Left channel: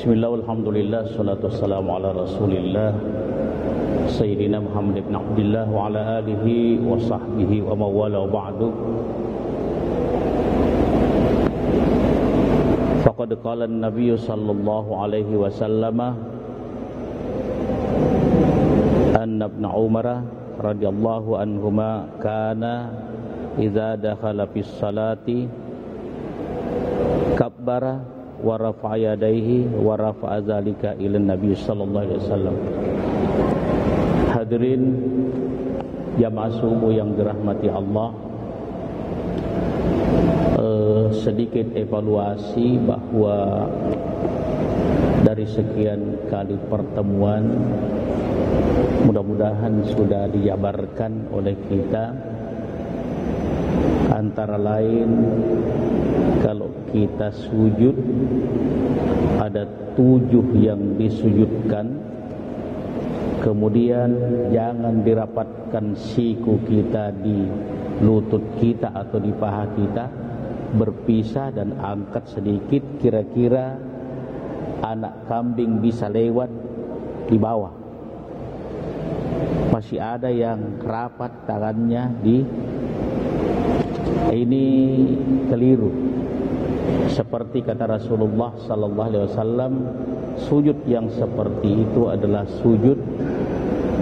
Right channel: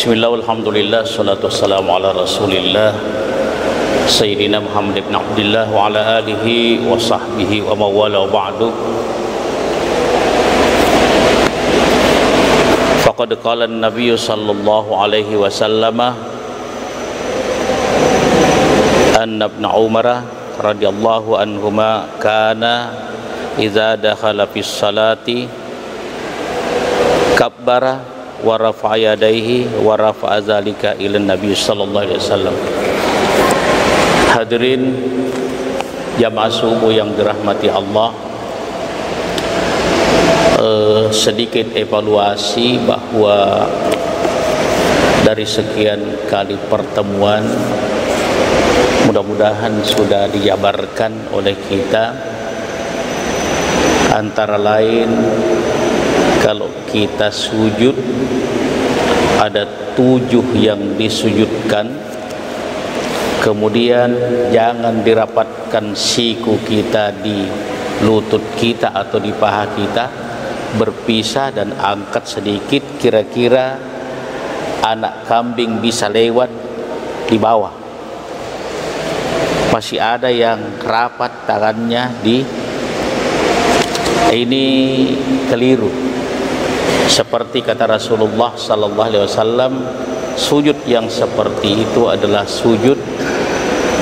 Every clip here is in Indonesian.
Bismillah, alhamdulillah, salatu wassalamu ala rasulillah Sayyidina Muhammad ibn Abdullah wa ala alihi wa sahbihi wa mawala wa ba'du. Faqad qala an-nabiy sallallahu alaihi wasallam anna ibn Umar radhiyallahu anhuma kana idza dakhala fis salati kabbara wa rafa'a yadayhi wa rafa'a zalika ila Nabi sallallahu alaihi wasallam. Hadirin jamaah subuh yang dirahmati Allah, sedikit evaluasi bahwa dari sekian kali pertemuan mudah-mudahan sudah dijabarkan oleh kita, antara lain kalau kita sujud ada 7 yang disujudkan, kemudian jangan dirapatkan siku kita di lutut kita atau di paha kita, berpisah dan angkat sedikit, kira-kira anak kambing bisa lewat di bawah. Masih ada yang rapat tangannya ini keliru. Seperti kata Rasulullah sallallahu alaihi wasallam, sujud yang seperti itu adalah sujud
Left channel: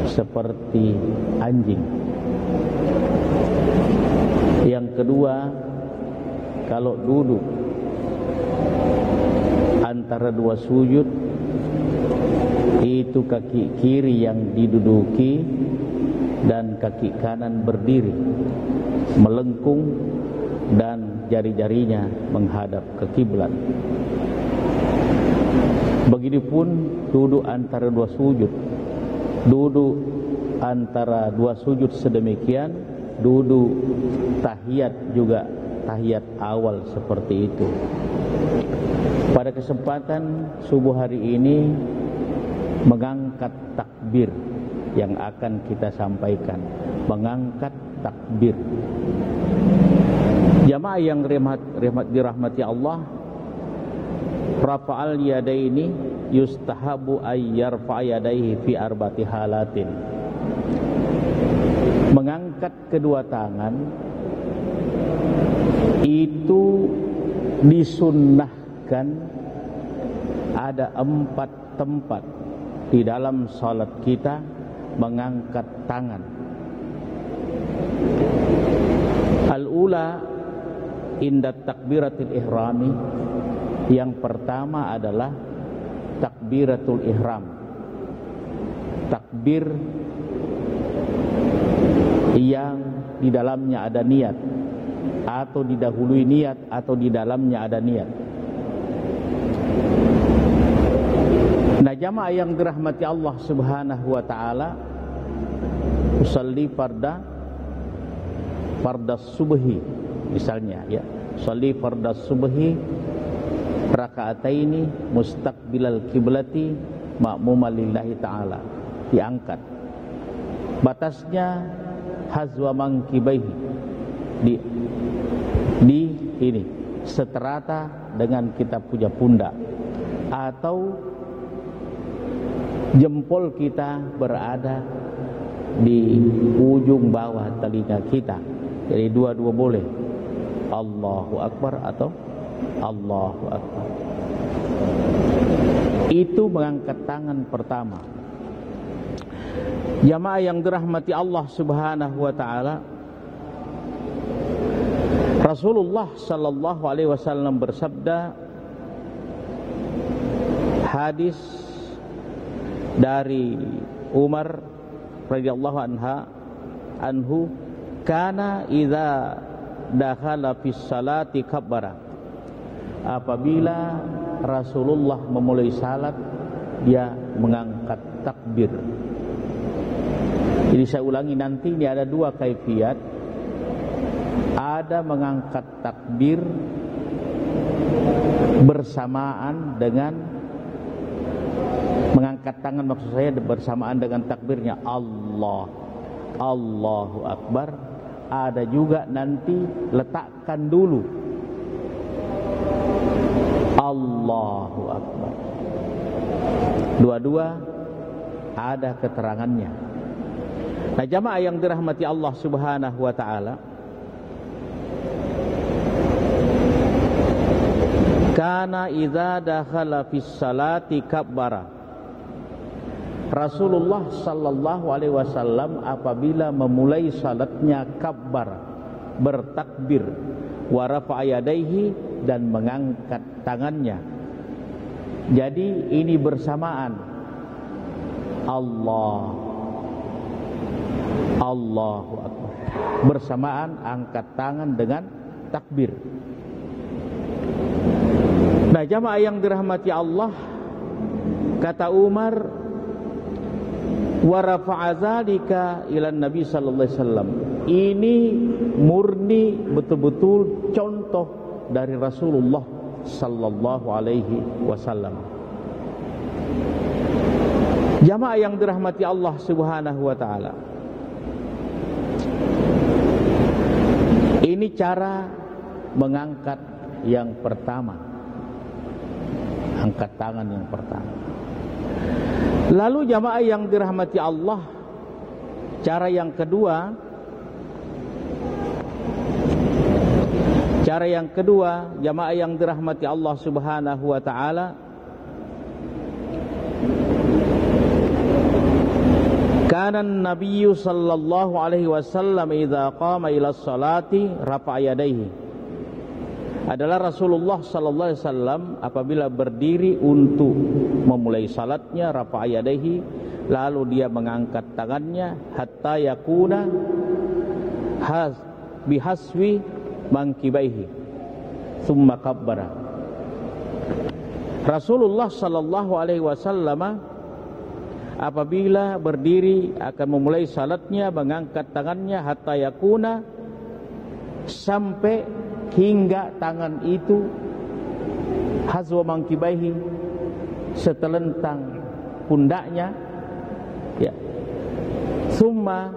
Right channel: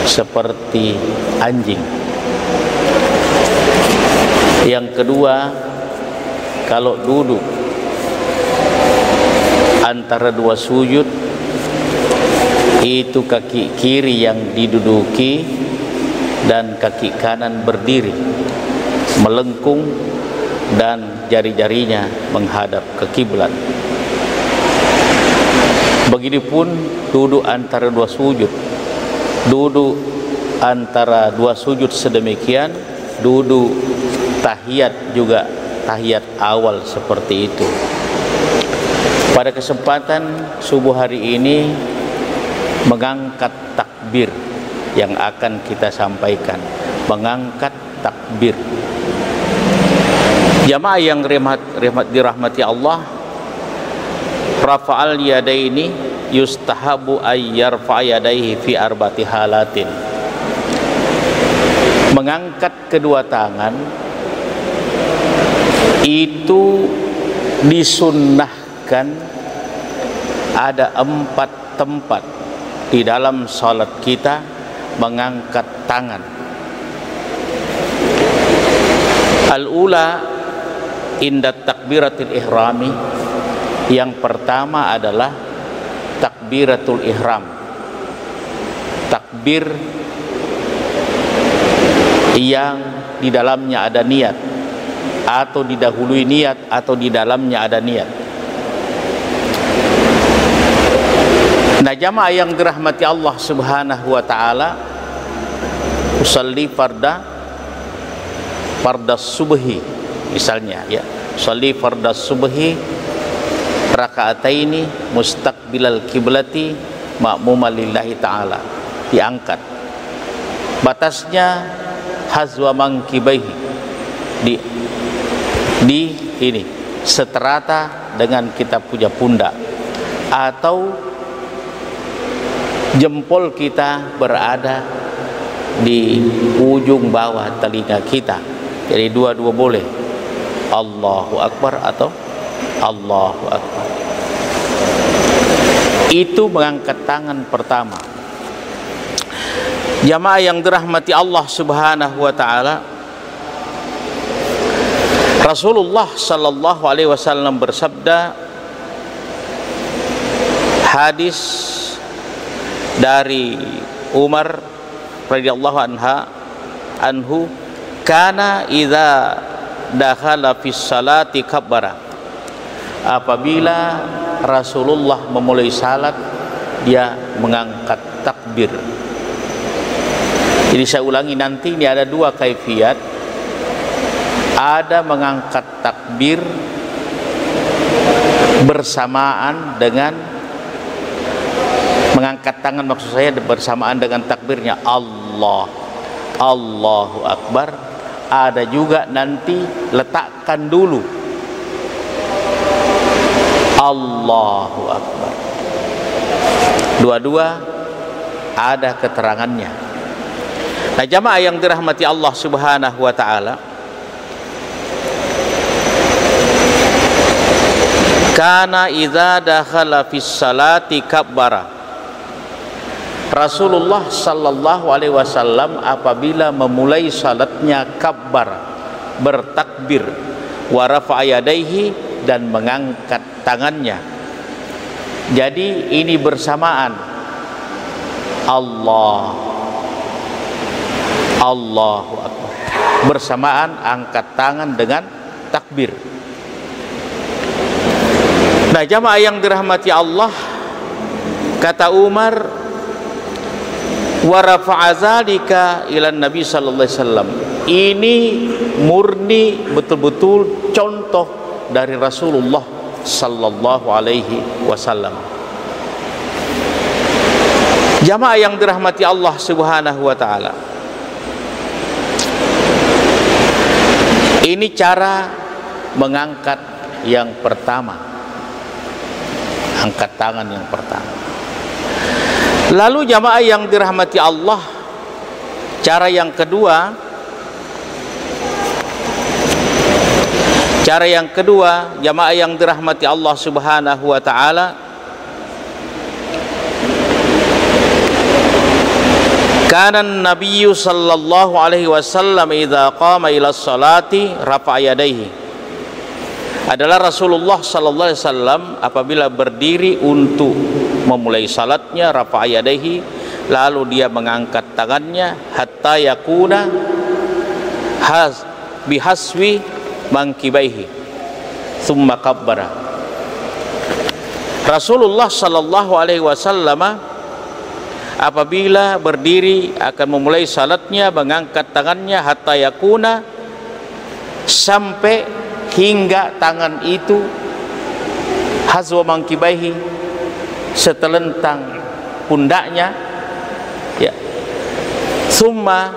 seperti anjing. Yang kedua, kalau duduk antara dua sujud itu kaki kiri yang diduduki dan kaki kanan berdiri melengkung dan jari-jarinya menghadap ke kiblat. Begitupun duduk antara dua sujud, duduk antara dua sujud sedemikian, duduk tahiyat juga tahiyat awal seperti itu. Pada kesempatan subuh hari ini mengangkat takbir yang akan kita sampaikan, mengangkat takbir. Jamaah yang dirahmati Allah, rafa'al yadaini yustahabu ay yarfa' yadaihi fi arba'ati halatin. Mengangkat kedua tangan itu disunnahkan, ada 4 tempat di dalam salat kita mengangkat tangan. Al-ula inda takbiratul ihrami, yang pertama adalah takbiratul ihram, takbir yang di dalamnya ada niat, atau didahului niat, atau di dalamnya ada niat. Nah, jamaah yang dirahmati Allah subhanahu wa ta'ala, usalli farda subhi misalnya, ya, sholli farda subhi raka'ataini mustaqbilal kiblati ma'muman lillahi ta'ala, diangkat batasnya hazwa mankibaihi, di ini seterata dengan kita punya pundak, atau jempol kita berada di ujung bawah telinga kita. Jadi dua-dua boleh, Allahu Akbar atau Allahu Akbar. Itu mengangkat tangan pertama. Jamaah yang dirahmati Allah subhanahu wa ta'ala, Rasulullah sallallahu alaihi wasallam bersabda, hadis dari Umar radhiyallahu anhu, kana idza dakhala fis salati kabbara. Apabila Rasulullah memulai salat, dia mengangkat takbir. Jadi saya ulangi nanti, ini ada 2 kaifiat. Ada mengangkat takbir bersamaan dengan mengangkat tangan, maksud saya bersamaan dengan takbirnya Allahu Akbar. Ada juga nanti letakkan dulu Allahu Akbar. Dua-dua ada keterangannya. Nah, jamaah yang dirahmati Allah Subhanahu wa taala, kana idza dakhala fis salati kabbara. Rasulullah sallallahu alaihi wasallam apabila memulai salatnya kabbar, bertakbir, wa rafa'a yadayhi, dan mengangkat tangannya. Jadi ini bersamaan Allahu Akbar, bersamaan angkat tangan dengan takbir. Nah, jamaah yang dirahmati Allah, kata Umar, wa rafa'a zalika ila Nabi sallallahu alaihi wasallam. Ini murni betul-betul contoh dari Rasulullah sallallahu alaihi wasallam. Jamaah yang dirahmati Allah Subhanahu wa taala, ini cara mengangkat yang pertama, angkat tangan yang pertama. Lalu jamaah yang dirahmati Allah, cara yang kedua, jamaah yang dirahmati Allah Subhanahu wa taala, kana an-nabiyyu sallallahu alaihi wasallam idza qama ila sholati rafa'a yadayhi. Adalah Rasulullah sallallahu alaihi wasallam apabila berdiri untuk memulai salatnya, rafa'a yadayhi, lalu dia mengangkat tangannya hatta yakuna bihaswi mankibaihi thumma kabbara. Rasulullah sallallahu alaihi wasallam apabila berdiri akan memulai salatnya mengangkat tangannya hatta yakuna, sampai hingga tangan itu hazwa mankibaihi, setelentang pundaknya, ya, summa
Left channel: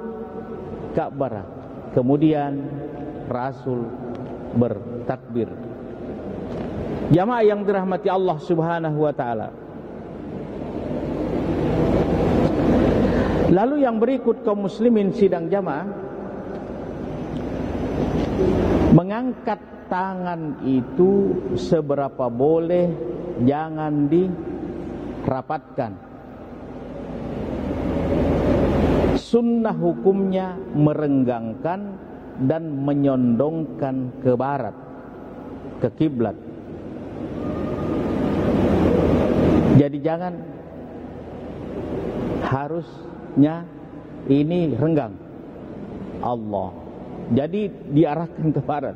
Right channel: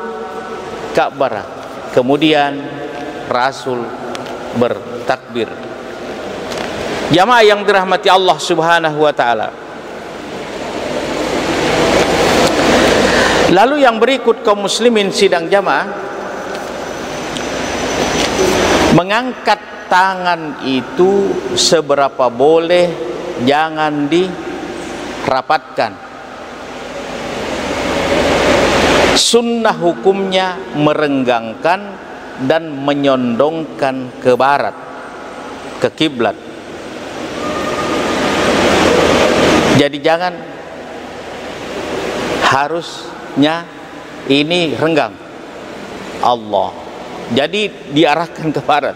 kabbara, kemudian Rasul bertakbir. Jamaah yang dirahmati Allah Subhanahu wa taala, lalu yang berikut kaum muslimin sidang jamaah, mengangkat tangan itu seberapa boleh, jangan dirapatkan. Sunnah hukumnya merenggangkan dan menyondongkan ke barat, ke kiblat. Jadi jangan, harusnya ini renggang Allah, jadi diarahkan ke barat.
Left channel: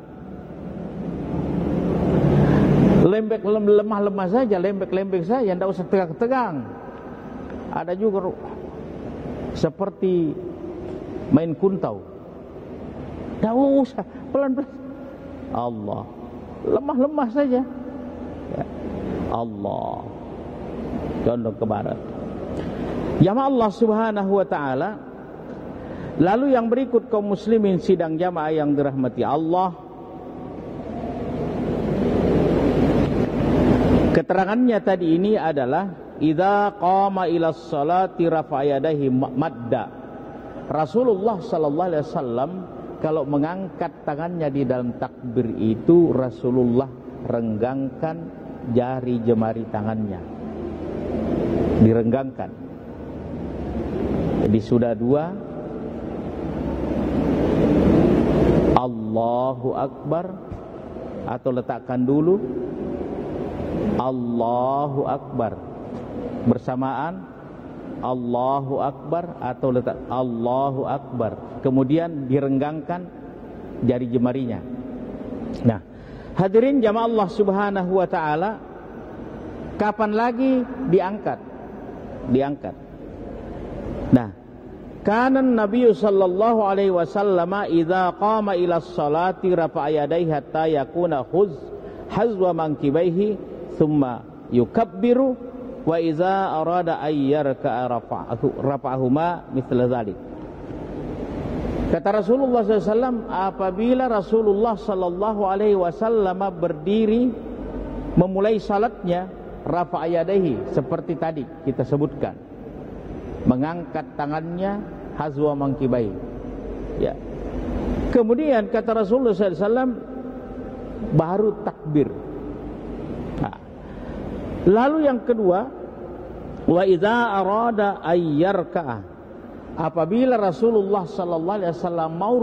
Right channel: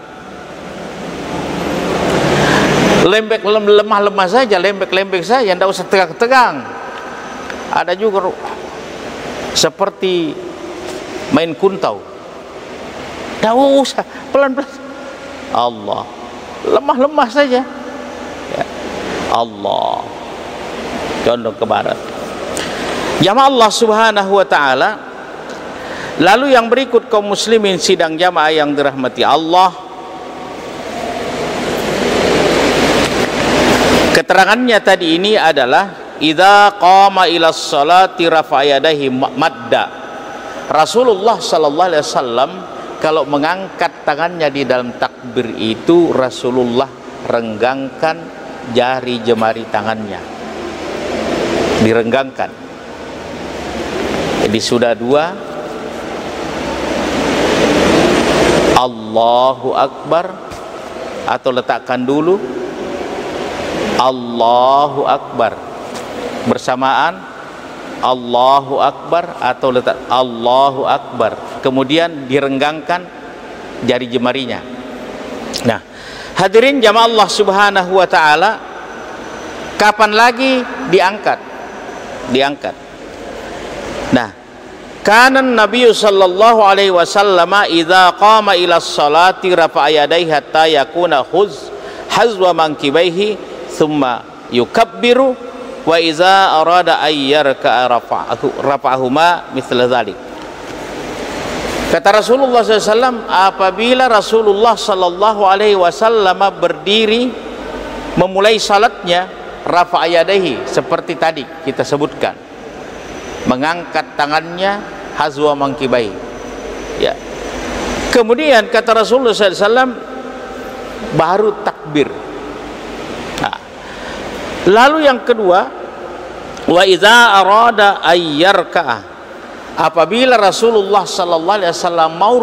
Lembek lemah saja, lembek saja, tidak usah tegang-tegang. Ada juga seperti main kuntau, tidak usah, pelan-pelan. Allah, lemah saja, ya. Allah condong ke barat. Jamaah Allah Subhanahu wa taala, lalu yang berikut kaum muslimin sidang jamaah yang dirahmati Allah, keterangannya tadi ini adalah idza qama ila sholati rafa'a yadayhi madda. Rasulullah sallallahu alaihi wasallam kalau mengangkat tangannya di dalam takbir itu, Rasulullah renggangkan jari jemari tangannya, direnggangkan. Jadi sudah dua, Allahu Akbar, atau letakkan dulu Allahu Akbar, bersamaan Allahu Akbar, atau letak Allahu Akbar, kemudian direnggangkan jari jemarinya. Nah, hadirin jamaah Allah Subhanahu wa taala, kapan lagi diangkat? Nah, kana Nabi sallallahu alaihi wasallam idza qama ila sholati rafa'a yadayhi hatta yakuna hazwa mankibaihi thumma yukabbiru wa iza arada ayyarka rafa'ahuma mithla dhalik. Kata Rasulullah SAW, apabila Rasulullah sallallahu alaihi wasallam berdiri memulai salatnya, rafa'a yadayhi, seperti tadi kita sebutkan, mengangkat tangannya hazwa mankibai. Ya. Kemudian kata Rasulullah SAW, baru takbir. Nah, lalu yang kedua, wa idza arada ayyarka'ah, apabila Rasulullah sallallahu alaihi wasallam mau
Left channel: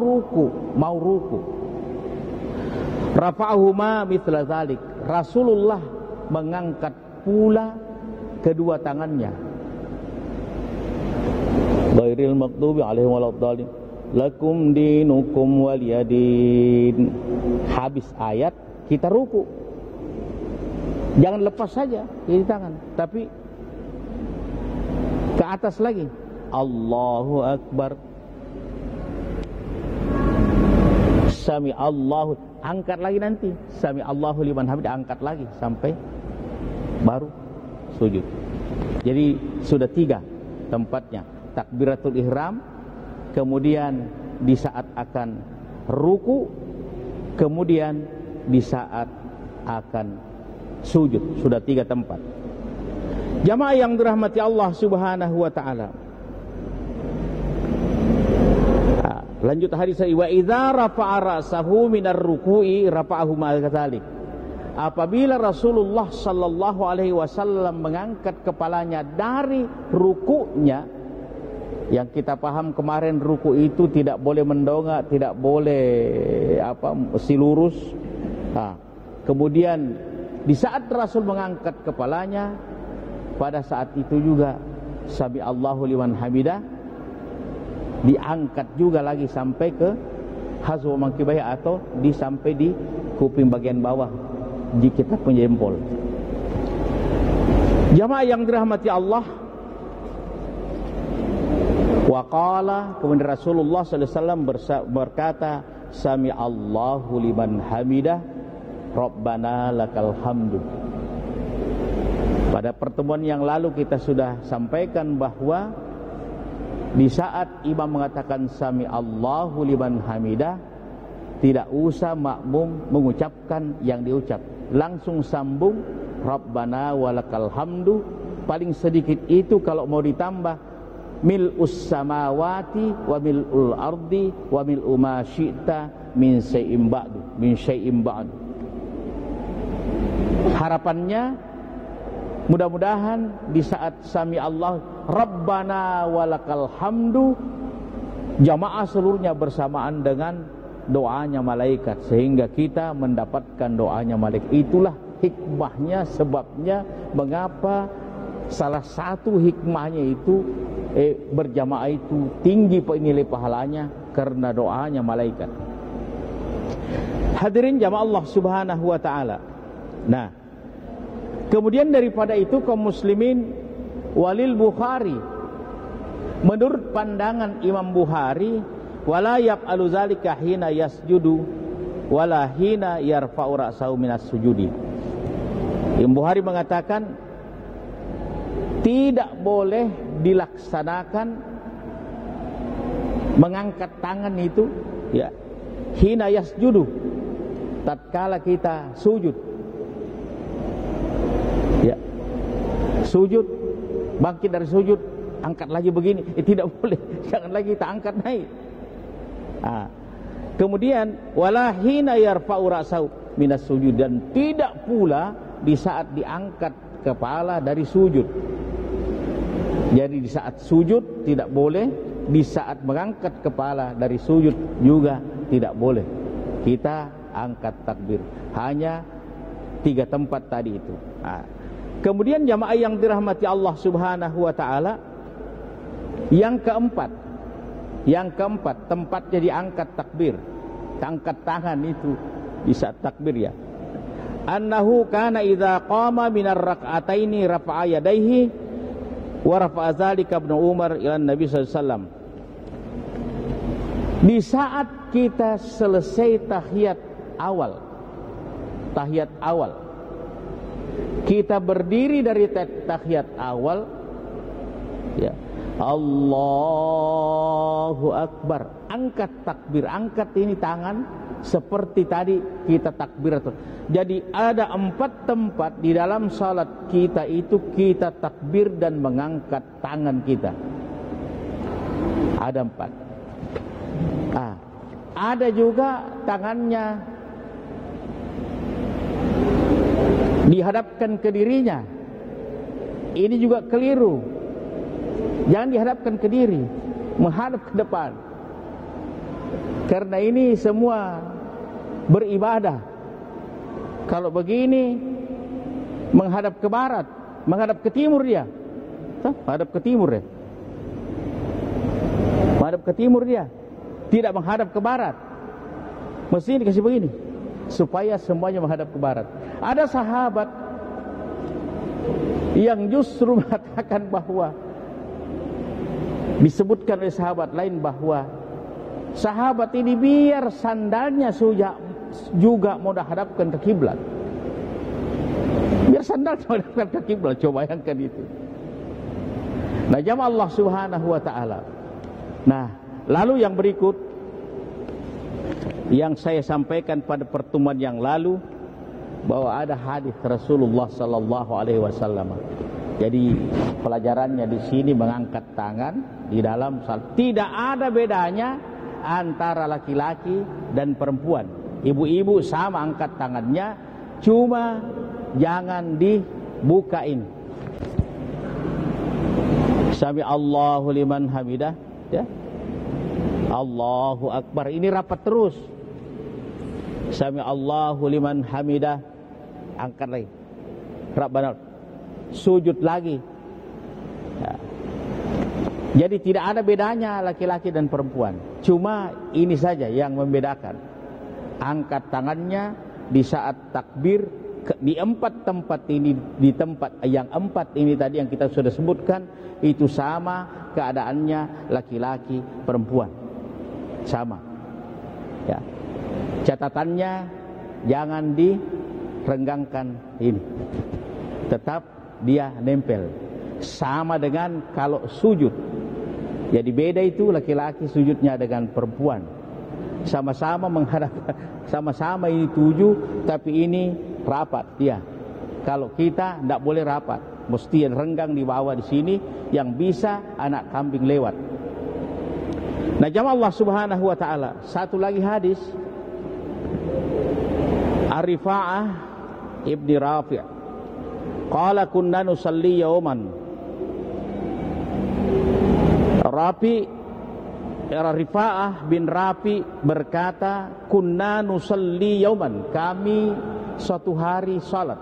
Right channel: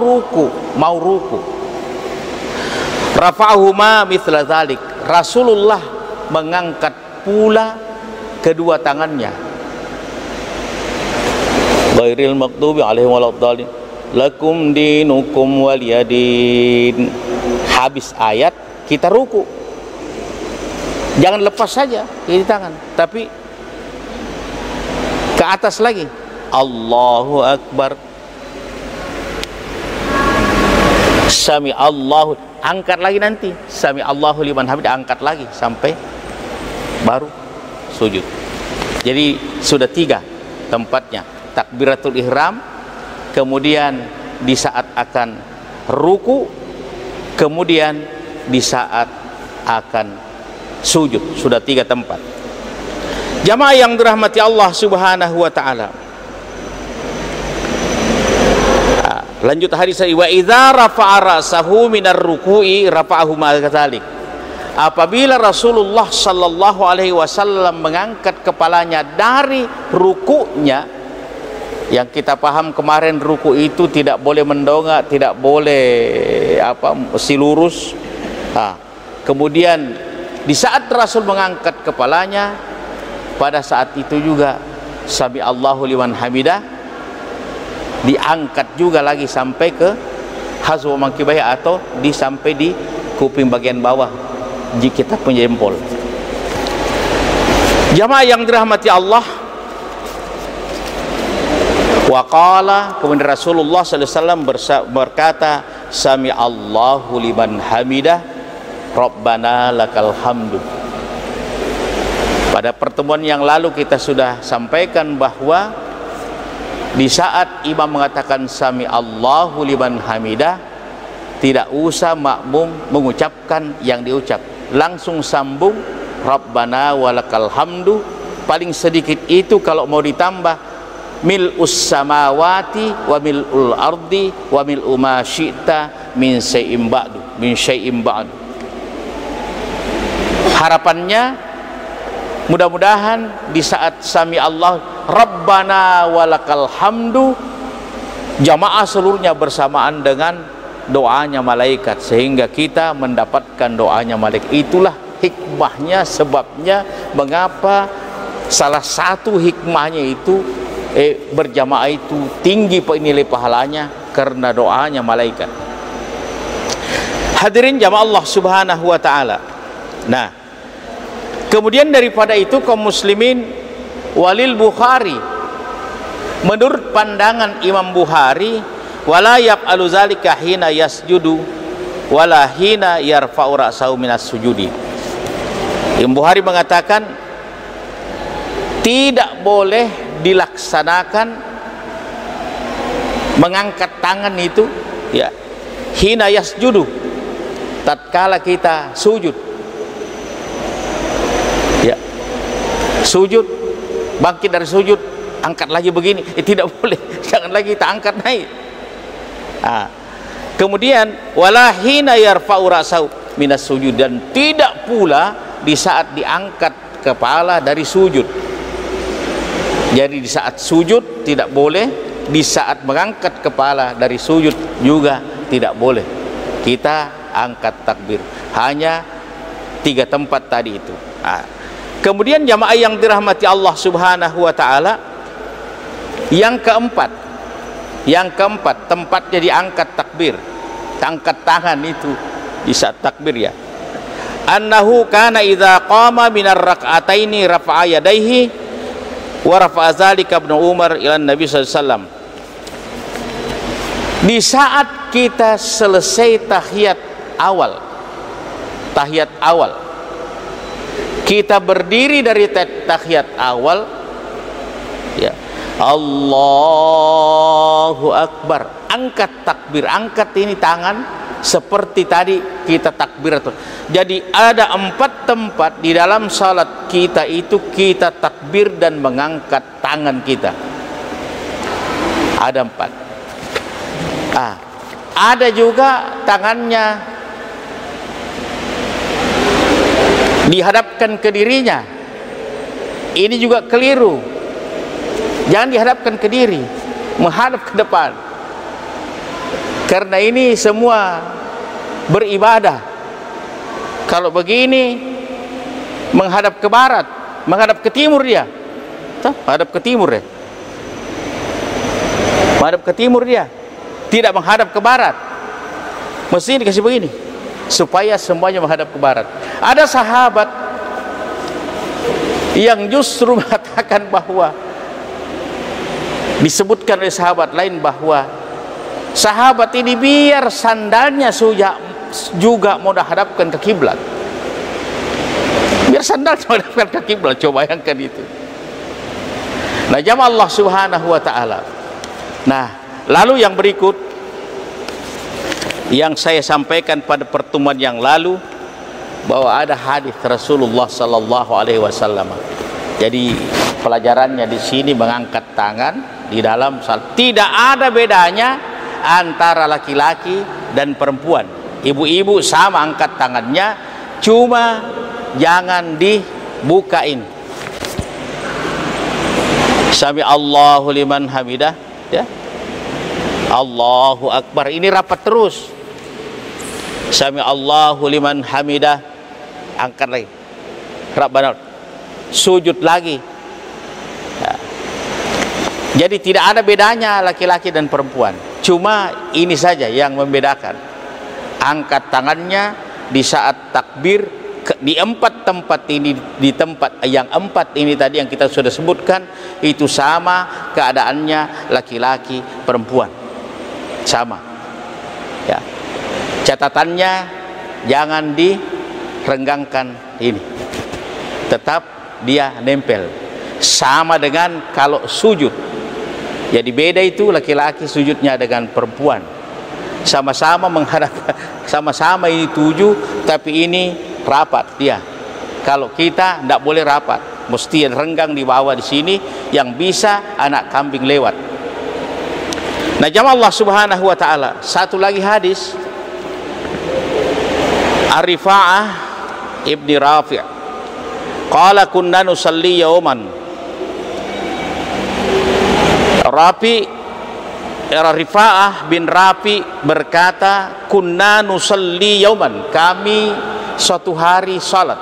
ruku, rafa'ahuma mithla dzalik, Rasulullah mengangkat pula kedua tangannya. Ghairil maghdubi alaihim waladdallin, lakum dinukum waliyadin. Habis ayat kita ruku, jangan lepas saja kiri tangan, tapi ke atas lagi. Allahu Akbar, Sami Allahu, angkat lagi nanti, Sami Allahu liman hamid, angkat lagi sampai baru sujud. Jadi sudah 3 tempatnya, takbiratul ihram, kemudian di saat akan ruku, kemudian di saat akan sujud. Sudah 3 tempat. Jamaah yang dirahmati Allah Subhanahu wa taala. Lanjut hadis, wa idza rafa'a ra'sahu minar ruku'i rafa'ahu ma'adzalik. Apabila Rasulullah sallallahu alaihi wasallam mengangkat kepalanya dari ruku'nya, yang kita paham kemarin ruku itu tidak boleh mendongak, tidak boleh mesti lurus. Kemudian di saat Rasul mengangkat kepalanya, pada saat itu juga Sami Allahu liman hamidah diangkat juga lagi sampai ke hazwa mankibai, atau sampai di kuping bagian bawah jika kita punya jempol. Jamaah yang dirahmati Allah, waqala, kemudian Rasulullah sallallahu alaihi wasallam berkata, Sami Allahu liman hamidah, Rabbana lakal hamdu. Pada pertemuan yang lalu kita sudah sampaikan bahwa di saat imam mengatakan Sami Allahu liman hamidah, tidak usah makmum mengucapkan yang diucap, langsung sambung Rabbana walakal hamdu. Paling sedikit itu kalau mau ditambah mil'us samawati wa mil'ul ardi wa mil'u ma syi'ta min syai'im ba'du. Harapannya mudah-mudahan di saat Sami Allah Rabbana walakal hamdu, jamaah seluruhnya bersamaan dengan doanya malaikat, sehingga kita mendapatkan doanya malaikat. Itulah hikmahnya, sebabnya mengapa salah satu hikmahnya itu berjamaah itu tinggi nilai pahalanya, karena doanya malaikat. Hadirin jamaah Allah Subhanahu wa taala. Nah, kemudian daripada itu kaum muslimin, walil Bukhari, menurut pandangan Imam Bukhari, wala yaf'alu zalika hina yasjudu wala hina yarfa'u ra'sahu minas sujudi. Imam Bukhari mengatakan tidak boleh dilaksanakan mengangkat tangan itu ya hina yasjudu, tatkala kita sujud. Ya, sujud, bangkit dari sujud, angkat lagi begini, tidak boleh, jangan lagi kita angkat naik. Kemudian wala hina yarfa'u ra'sahu minas sujud, dan tidak pula di saat diangkat kepala dari sujud. Jadi di saat sujud tidak boleh, di saat mengangkat kepala dari sujud juga tidak boleh kita angkat takbir. Hanya 3 tempat tadi itu. Kemudian jamaah yang dirahmati Allah Subhanahu wa taala, yang keempat tempatnya diangkat takbir, angkat tangan itu di saat takbir ya. Annahu kana idza qama minar rak'ataini rafa'a yadayhi wa rafa'a dzalika Ibnu Umar ila Nabi sallallahu alaihi wasallam. Di saat kita selesai tahiyat awal, kita berdiri dari tahiyat awal ya, Allahu Akbar, angkat takbir, angkat ini tangan seperti tadi kita takbir. Jadi ada 4 tempat di dalam salat kita itu kita takbir dan mengangkat tangan kita. Ada 4. Ada juga tangannya dihadapkan ke dirinya. Ini juga keliru. Jangan dihadapkan ke diri, menghadap ke depan. Karena ini semua beribadah. Kalau begini menghadap ke barat, menghadap ke timur dia. Menghadap ke timur ya. Menghadap ke timur dia. Tidak menghadap ke barat. Mesti dikasih begini supaya semuanya menghadap ke barat. Ada sahabat yang justru mengatakan bahwa disebutkan oleh sahabat lain bahwa sahabat ini biar sandalnya juga mau dihadapkan ke kiblat. Biar sandalnya menghadapkan ke kiblat. Coba bayangkan itu. Nah, jamaah Allah Subhanahu wa taala. Nah, lalu yang berikut yang saya sampaikan pada pertemuan yang lalu bahwa ada hadis Rasulullah sallallahu alaihi wasallam. Jadi pelajarannya di sini mengangkat tangan di dalam salat. Tidak ada bedanya antara laki-laki dan perempuan. Ibu-ibu sama angkat tangannya, cuma jangan dibukain. Sami Allahu liman hamidah, ya. Allahu Akbar. Ini rapat terus. Sami Allahu liman hamidah. Angkat lagi. Rabbana. Sujud lagi. Ya. Jadi tidak ada bedanya laki-laki dan perempuan. Cuma ini saja yang membedakan. Angkat tangannya di saat takbir di 4 tempat ini, di tempat yang 4 ini tadi yang kita sudah sebutkan itu sama keadaannya laki-laki perempuan sama ya. Catatannya jangan direnggangkan ini, tetap dia nempel sama dengan kalau sujud. Jadi beda itu laki-laki sujudnya dengan perempuan. Sama-sama menghadap, sama-sama ini 7, tapi ini rapat dia. Kalau kita tidak boleh rapat, mesti renggang di bawah di sini yang bisa anak kambing lewat. Nah, jamaah Allah Subhanahu wa taala, satu lagi hadis Ar-Rifa'ah ibni Rafi'. Qala kunna nusalli yawman. Rifa'ah bin Rafi berkata, kunna nusalli yauman, kami suatu hari salat.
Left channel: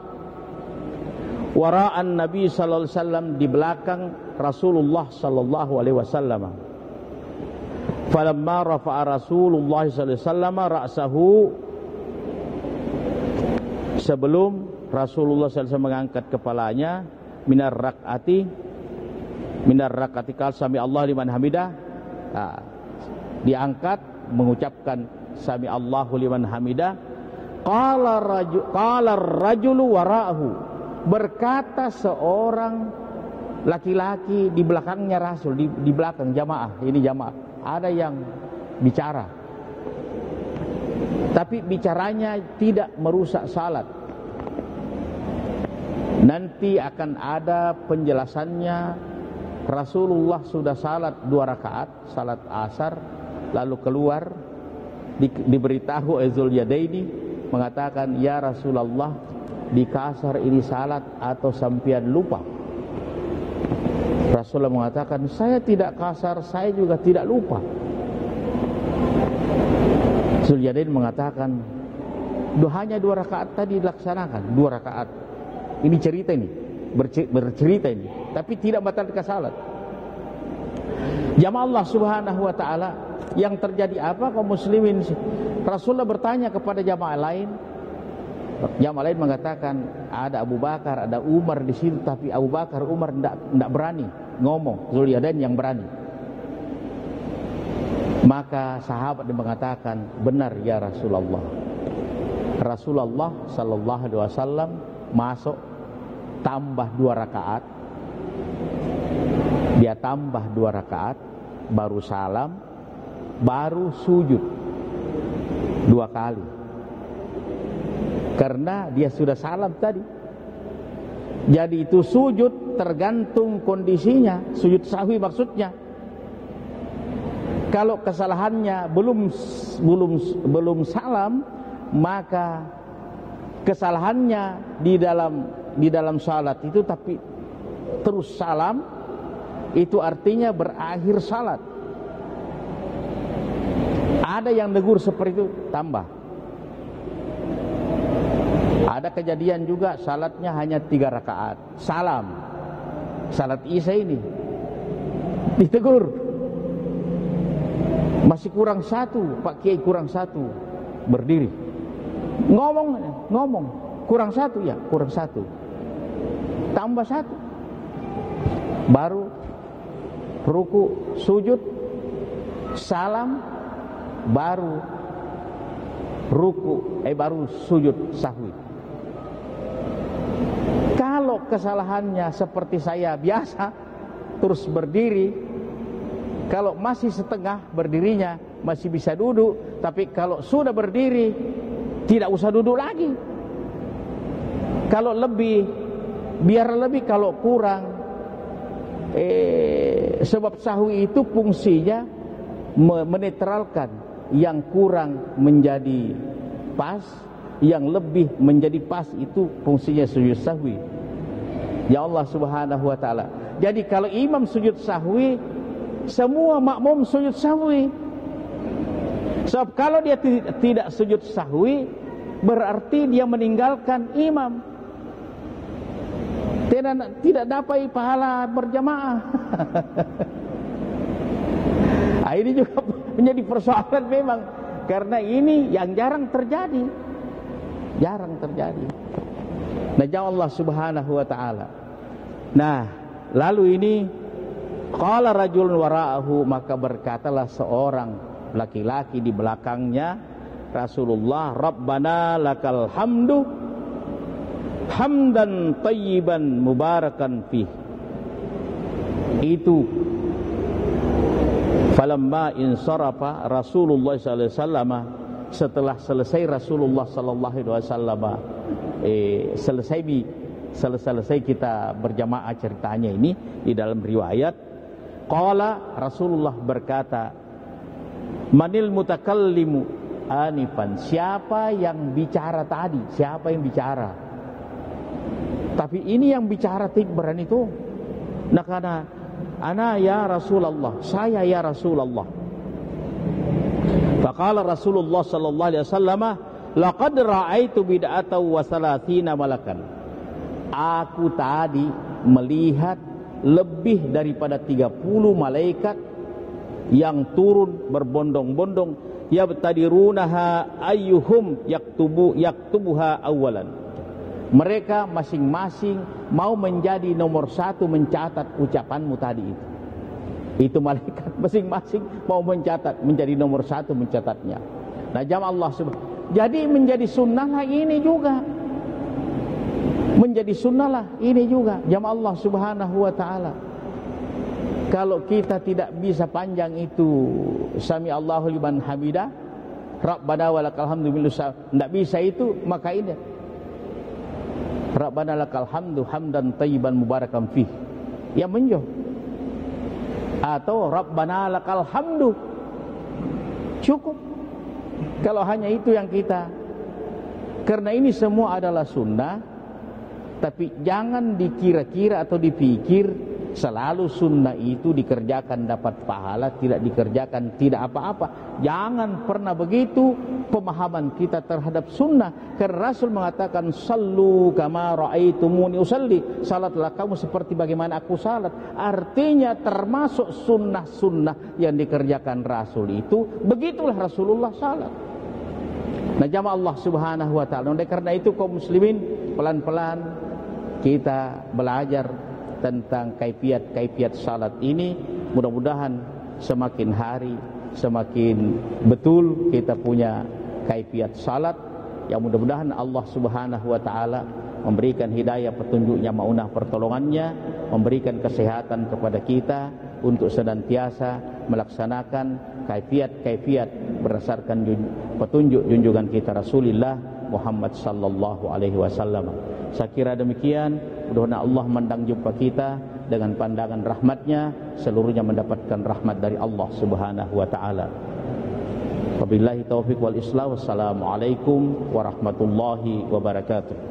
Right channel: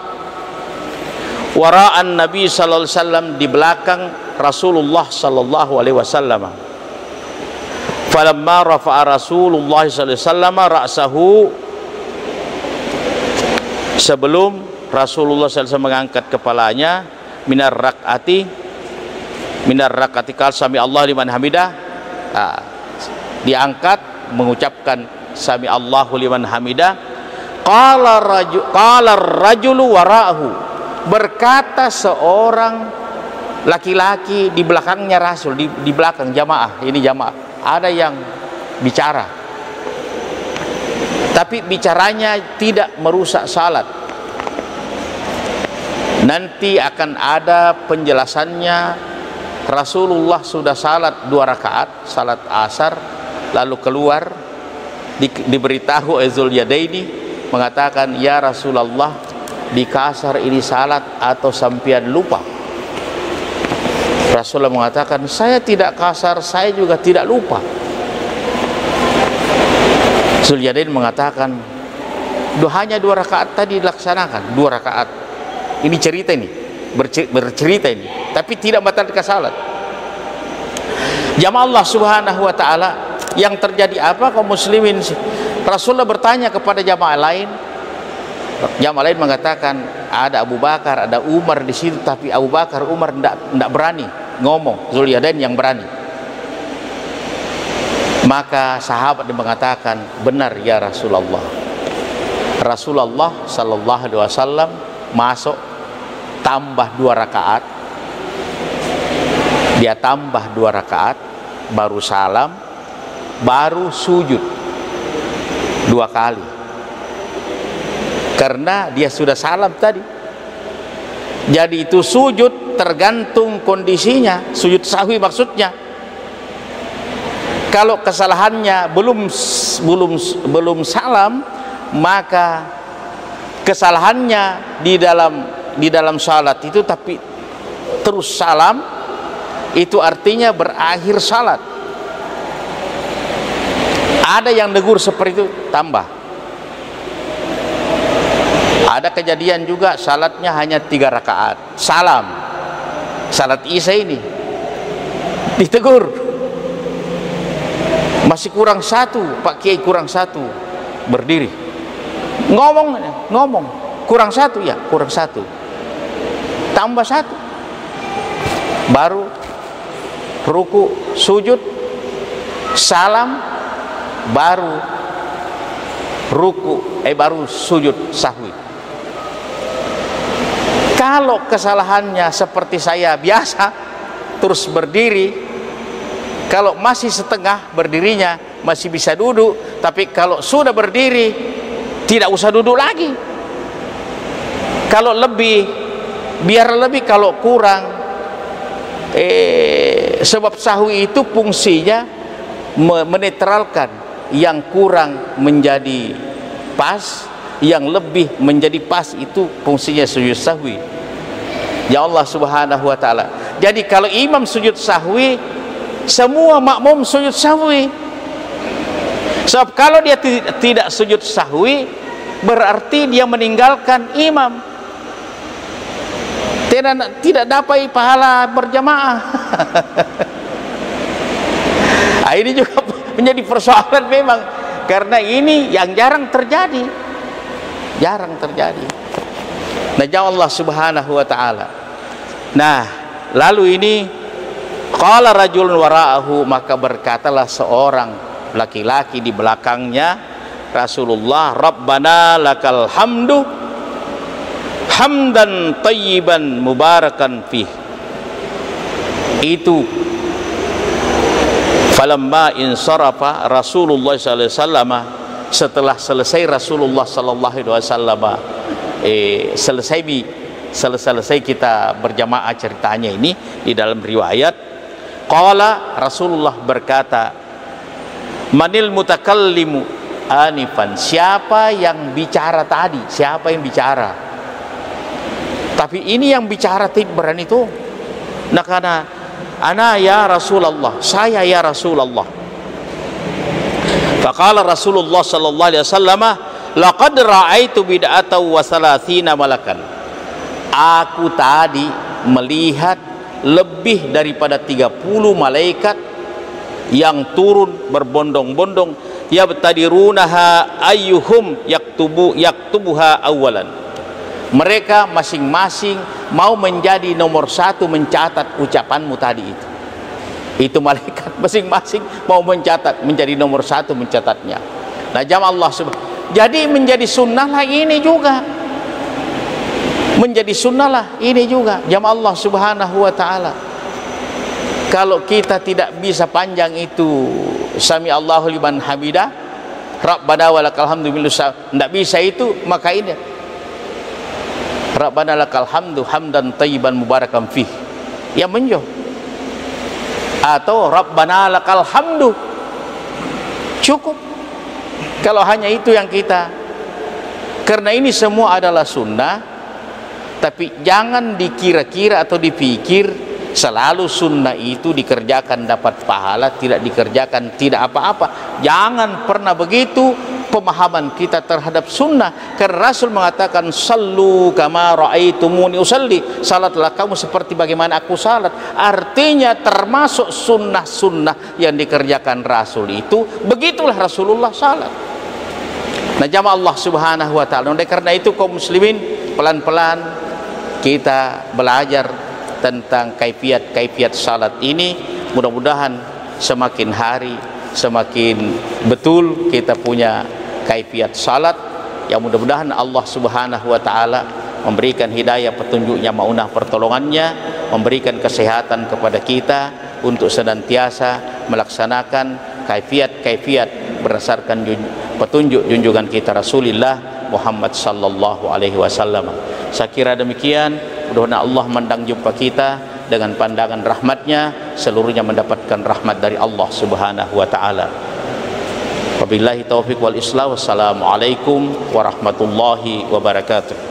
Wara'an Nabi sallallahu alaihi wasallam, di belakang Rasulullah sallallahu alaihi wasallam. Falamma rafa'a Rasulullah sallallahu alaihi wasallam ra'sahu, sebelum Rasulullah sallallahu alaihi wasallam mengangkat kepalanya, minar rak'ati qala sami Allah liman hamidah. Diangkat mengucapkan sami Allahu liman hamidah. Qala rajulu wara'ahu, berkata seorang laki-laki di belakangnya Rasul, di belakang jamaah, ini jamaah, ada yang bicara, tapi bicaranya tidak merusak salat. Nanti akan ada penjelasannya. Rasulullah sudah salat 2 rakaat, salat asar, lalu keluar, diberitahu Zuliyadaini mengatakan, ya Rasulullah, di kasar ini salat atau sampian lupa? Rasulullah mengatakan, saya tidak kasar, saya juga tidak lupa. Zuliyadaini mengatakan, hanya 2 rakaat tadi dilaksanakan, 2 rakaat. Ini cerita ini, bercerita ini, tapi tidak membatalkan salat. Jamaah Allah Subhanahu wa taala, yang terjadi apa kaum muslimin? Rasulullah bertanya kepada jamaah lain. Jamaah lain mengatakan ada Abu Bakar, ada Umar di situ, tapi Abu Bakar, Umar tidak berani ngomong. Zuliyadain yang berani. Maka sahabat mengatakan, benar ya Rasulullah. Rasulullah sallallahu alaihi wasallam masuk, tambah 2 rakaat, dia tambah 2 rakaat, baru salam, baru sujud 2 kali. karena dia sudah salam tadi. Jadi itu sujud tergantung kondisinya, sujud sahwi maksudnya. Kalau kesalahannya belum salam, maka kesalahannya di dalam salat itu tapi terus salam, itu artinya berakhir salat. Ada yang negur seperti itu, tambah. Ada kejadian juga salatnya hanya 3 rakaat, salam, salat Isya ini ditegur, masih kurang 1 Pak Kiai, kurang 1, berdiri ngomong kurang 1 ya, kurang 1, tambah 1, baru ruku sujud salam, baru ruku baru sujud sahwi. Kalau kesalahannya seperti saya biasa terus berdiri, kalau masih setengah berdirinya masih bisa duduk, tapi kalau sudah berdiri tidak usah duduk lagi. Kalau lebih biar lebih, kalau kurang sebab sahwi itu fungsinya menetralkan, yang kurang menjadi pas, yang lebih menjadi pas, itu fungsinya sujud sahwi. Ya Allah Subhanahu wa taala. Jadi kalau imam sujud sahwi, semua makmum sujud sahwi. Sebab kalau dia tidak sujud sahwi, berarti dia meninggalkan imam, tidak dapat pahala berjamaah. Ini juga menjadi persoalan memang, karena ini yang jarang terjadi. Nah, jawab Allah Subhanahu wa taala. Nah, lalu ini qala rajulun wara'ahu, maka berkatalah seorang laki-laki di belakangnya Rasulullah, Rabbana lakal hamdu hamdan tayyiban mubarakan fih. Itu falamma insarafa Rasulullah sallallahu alaihi wasallam, setelah selesai Rasulullah sallallahu alaihi wasallam selesai kita berjamaah ceritanya ini di dalam riwayat, qala Rasulullah berkata, manil mutakallimu anifan, siapa yang bicara tadi, siapa yang bicara. Tapi ini yang bicara tibran itu, nah karena ana ya Rasulullah, saya ya Rasulullah. Faqala Rasulullah sallallahu alaihi wasallam, laqad ra'aitu bid'atan wa salatsina malakan. Aku tadi melihat lebih daripada 30 malaikat yang turun berbondong-bondong, yabtadirunaha ayyuhum yaktubuha awalan. Mereka masing-masing mau menjadi nomor 1 mencatat ucapanmu tadi itu. Itu malaikat masing-masing mau mencatat, menjadi nomor 1 mencatatnya. Nah, jamaah Allah subhanahu. Jadi menjadi sunnah lah ini juga. Menjadi sunnah lah ini juga, jamaah Allah Subhanahu wa taala. Kalau kita tidak bisa panjang itu sami Allahu liman hamidah, Rabbana walakal hamdu, tidak bisa itu, maka ini Rabbana lakal hamdu hamdan tayyiban mubarakan fih, ya menjauh, atau Rabbana lakal hamdu, cukup. Kalau hanya itu yang kita, karena ini semua adalah sunnah. Tapi jangan dikira-kira atau dipikir selalu sunnah itu dikerjakan dapat pahala, tidak dikerjakan tidak apa-apa. Jangan pernah begitu pemahaman kita terhadap sunnah. Karena Rasul mengatakan, sallu kama ra'aitumuni usalli, salatlah kamu seperti bagaimana aku salat. Artinya termasuk sunnah-sunnah yang dikerjakan Rasul itu, begitulah Rasulullah salat. Nah, jamaah Allah Subhanahu wa taala. Oleh karena itu kaum muslimin, pelan-pelan kita belajar tentang kaifiat salat ini. Mudah-mudahan semakin hari semakin betul kita punya kaifiat salat. Ya, mudah-mudahan Allah Subhanahu wa taala memberikan hidayah petunjuknya, maunah pertolongannya, memberikan kesehatan kepada kita untuk senantiasa melaksanakan kaifiat berdasarkan petunjuk junjungan kita Rasulullah Muhammad sallallahu alaihi wasallam. Saya kira demikian. Mudah-mudahan Allah mandang jumpa kita dengan pandangan rahmatnya, seluruhnya mendapatkan rahmat dari Allah subhanahu wa ta'ala. Wabillahi taufiq wal islah. Wassalamualaikum warahmatullahi wabarakatuh.